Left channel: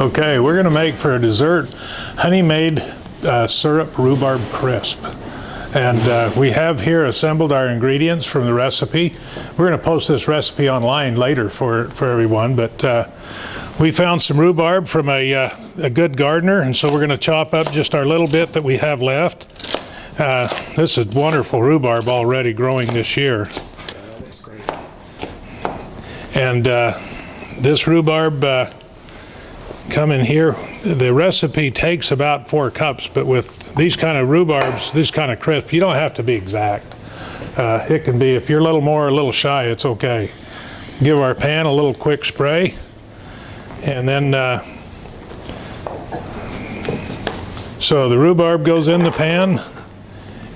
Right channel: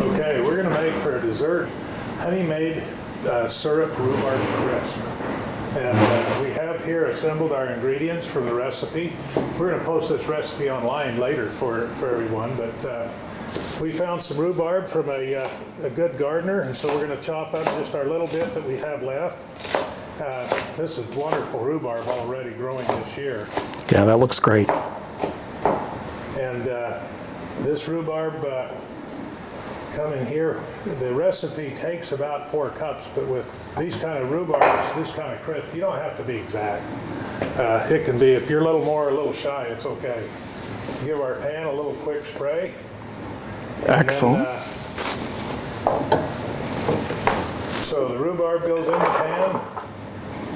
Okay, we're going to make for a dessert honey-made syrup rhubarb crisp. And we have here assembled our ingredients from the recipe. We're going to post this recipe online later for everyone, but we found some rhubarb from a good gardener, and so we're going to chop up just our little bit that we have left. This is wonderful rhubarb already growing this year. Yeah, that looks great. And this rhubarb come in here. The recipe takes about 4 cups, but with these kind of rhubarbs, this kind of crisp, you don't have to be exact. It can be, if you're a little more, a little shy, it's okay. Give our pan a little quick spray. And then, so the rhubarb goes in the pan,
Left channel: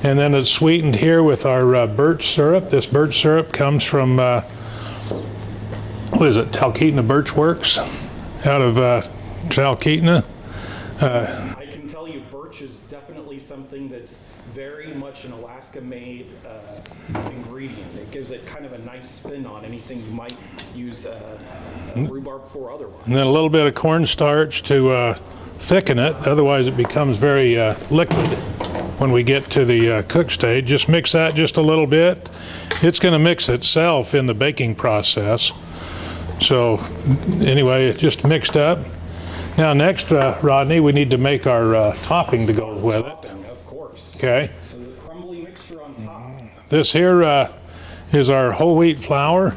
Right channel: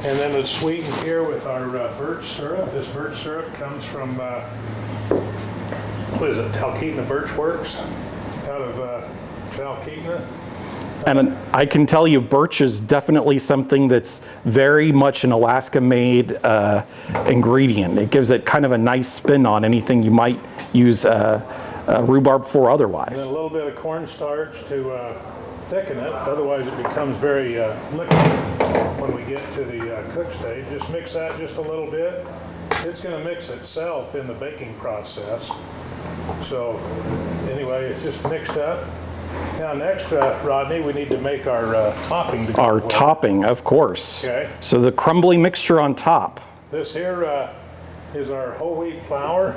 and then it's sweetened here with our birch syrup. This birch syrup comes from, what is it, Talkeetna Birch Works, out of Talkeetna. And I can tell you, birch is definitely something that's very much an Alaska-made ingredient. It gives it kind of a nice spin on anything you might use rhubarb for otherwise. And then a little bit of cornstarch to thicken it. Otherwise, it becomes very liquid when we get to the cook stage. Just mix that just a little bit. It's going to mix itself in the baking process. So anyway, it just mixed up. Now next, Rodney, we need to make our topping to go with. Our topping, of course. Okay. So the crumbly mixture on top. This here is our whole wheat flour.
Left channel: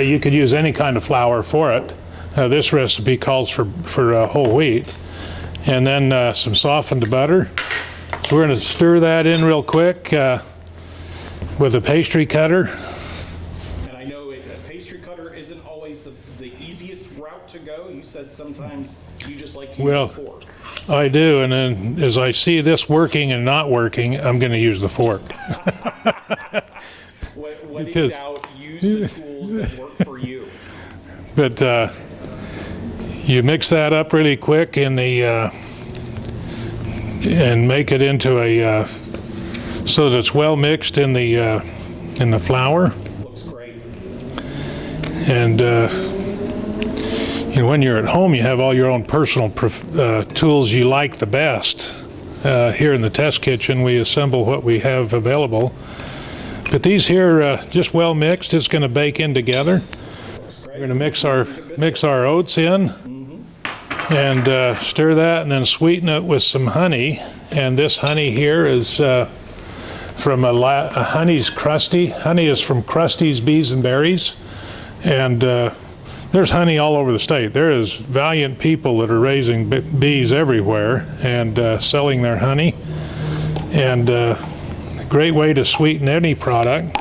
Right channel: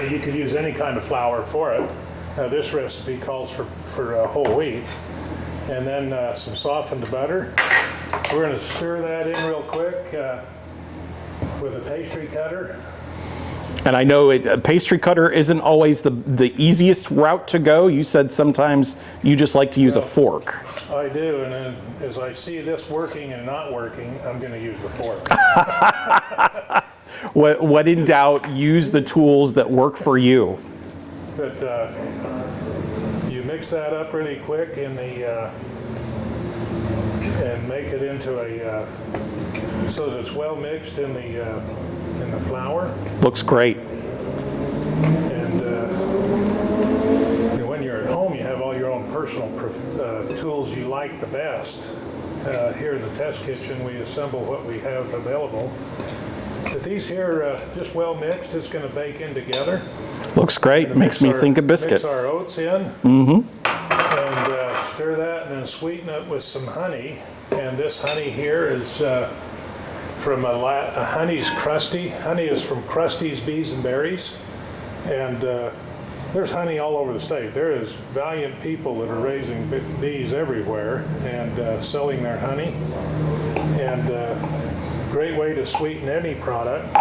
You could use any kind of flour for it. This recipe calls for whole wheat. And then some softened butter. We're going to stir that in real quick with a pastry cutter. And I know a pastry cutter isn't always the easiest route to go. You said sometimes you just like to use a fork. I do, and then as I see this working and not working, I'm going to use the fork. When in doubt, use the tools that work for you. But you mix that up really quick in the and make it into a so that it's well mixed in the flour. Looks great. And when you're at home, you have all your own personal tools you like the best. Here in the test kitchen, we assemble what we have available. But these here, just well mixed, it's going to bake in together. Looks great. Makes me think of biscuits. Mix our oats in, and stir that, and then sweeten it with some honey. And this honey here is from a honey's crusty. Honey is from Krusty's Bees and Berries, and there's honey all over the state. There is valiant people that are raising bees everywhere and selling their honey, and a great way to sweeten any product.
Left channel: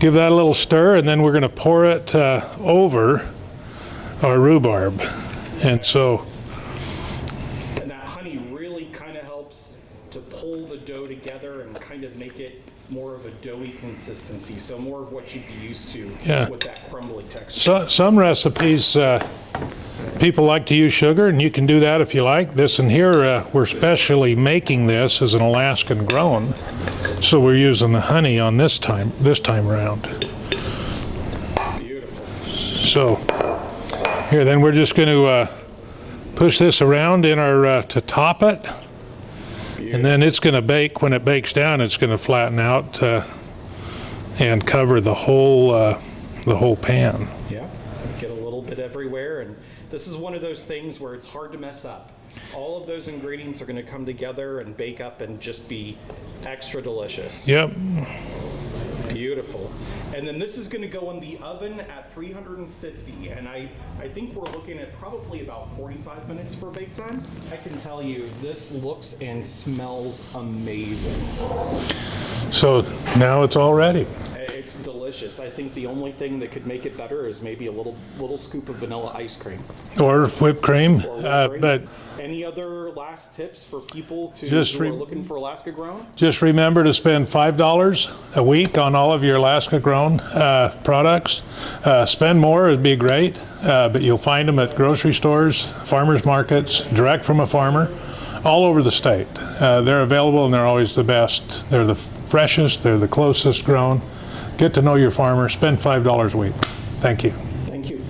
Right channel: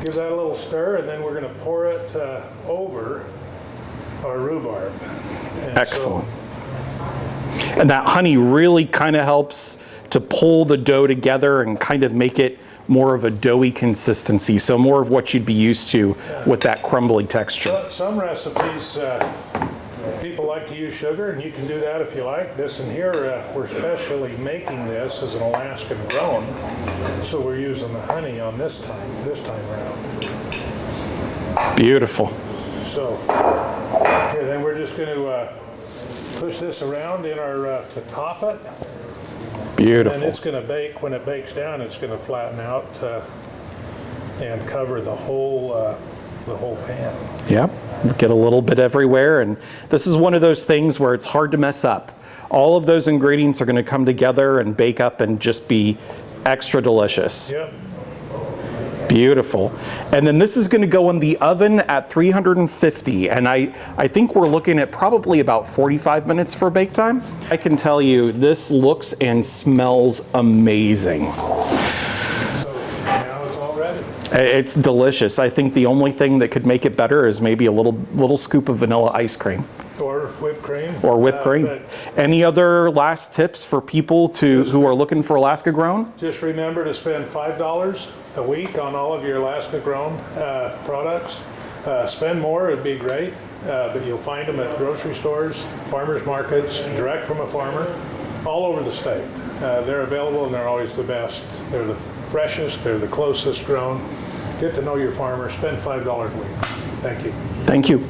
Give that a little stir, and then we're going to pour it over our rhubarb. And excellent. And that honey really kind of helps to pull the dough together and kind of make it more of a doughy consistency. So more of what you'd be used to with that crumbly texture. Some recipes, people like to use sugar, and you can do that if you like. This in here, we're specially making this as an Alaskan grown. So we're using the honey on this time around. Beautiful. So here, then we're just going to push this around in our to top it. Beautiful. And then it's going to bake. When it bakes down, it's going to flatten out and cover the whole pan. Yep. Get a little bit everywhere, and this is one of those things where it's hard to mess up. All of those ingredients are going to come together and bake up and just be extra delicious. Yep. Beautiful. And then this is going to go in the oven at 350, and I think we're looking at probably about 45 minutes for bake time. I can tell you this looks and smells amazing. So now it's all ready. It's delicious. I think the only thing that could make it better is maybe a little scoop of vanilla ice cream. Or whipped cream. Or whipped cream. But any other last tips for people who are looking for Alaska grown? Just remember to spend $5 a week on all of your Alaska grown products. Spend more, it'd be great, but you'll find them at grocery stores, farmers markets, direct from a farmer, all over the state. They're available and they're always the best. They're the freshest, they're the closest grown. Get to know your farmer, spend $5 a week. Thank you. Thank you.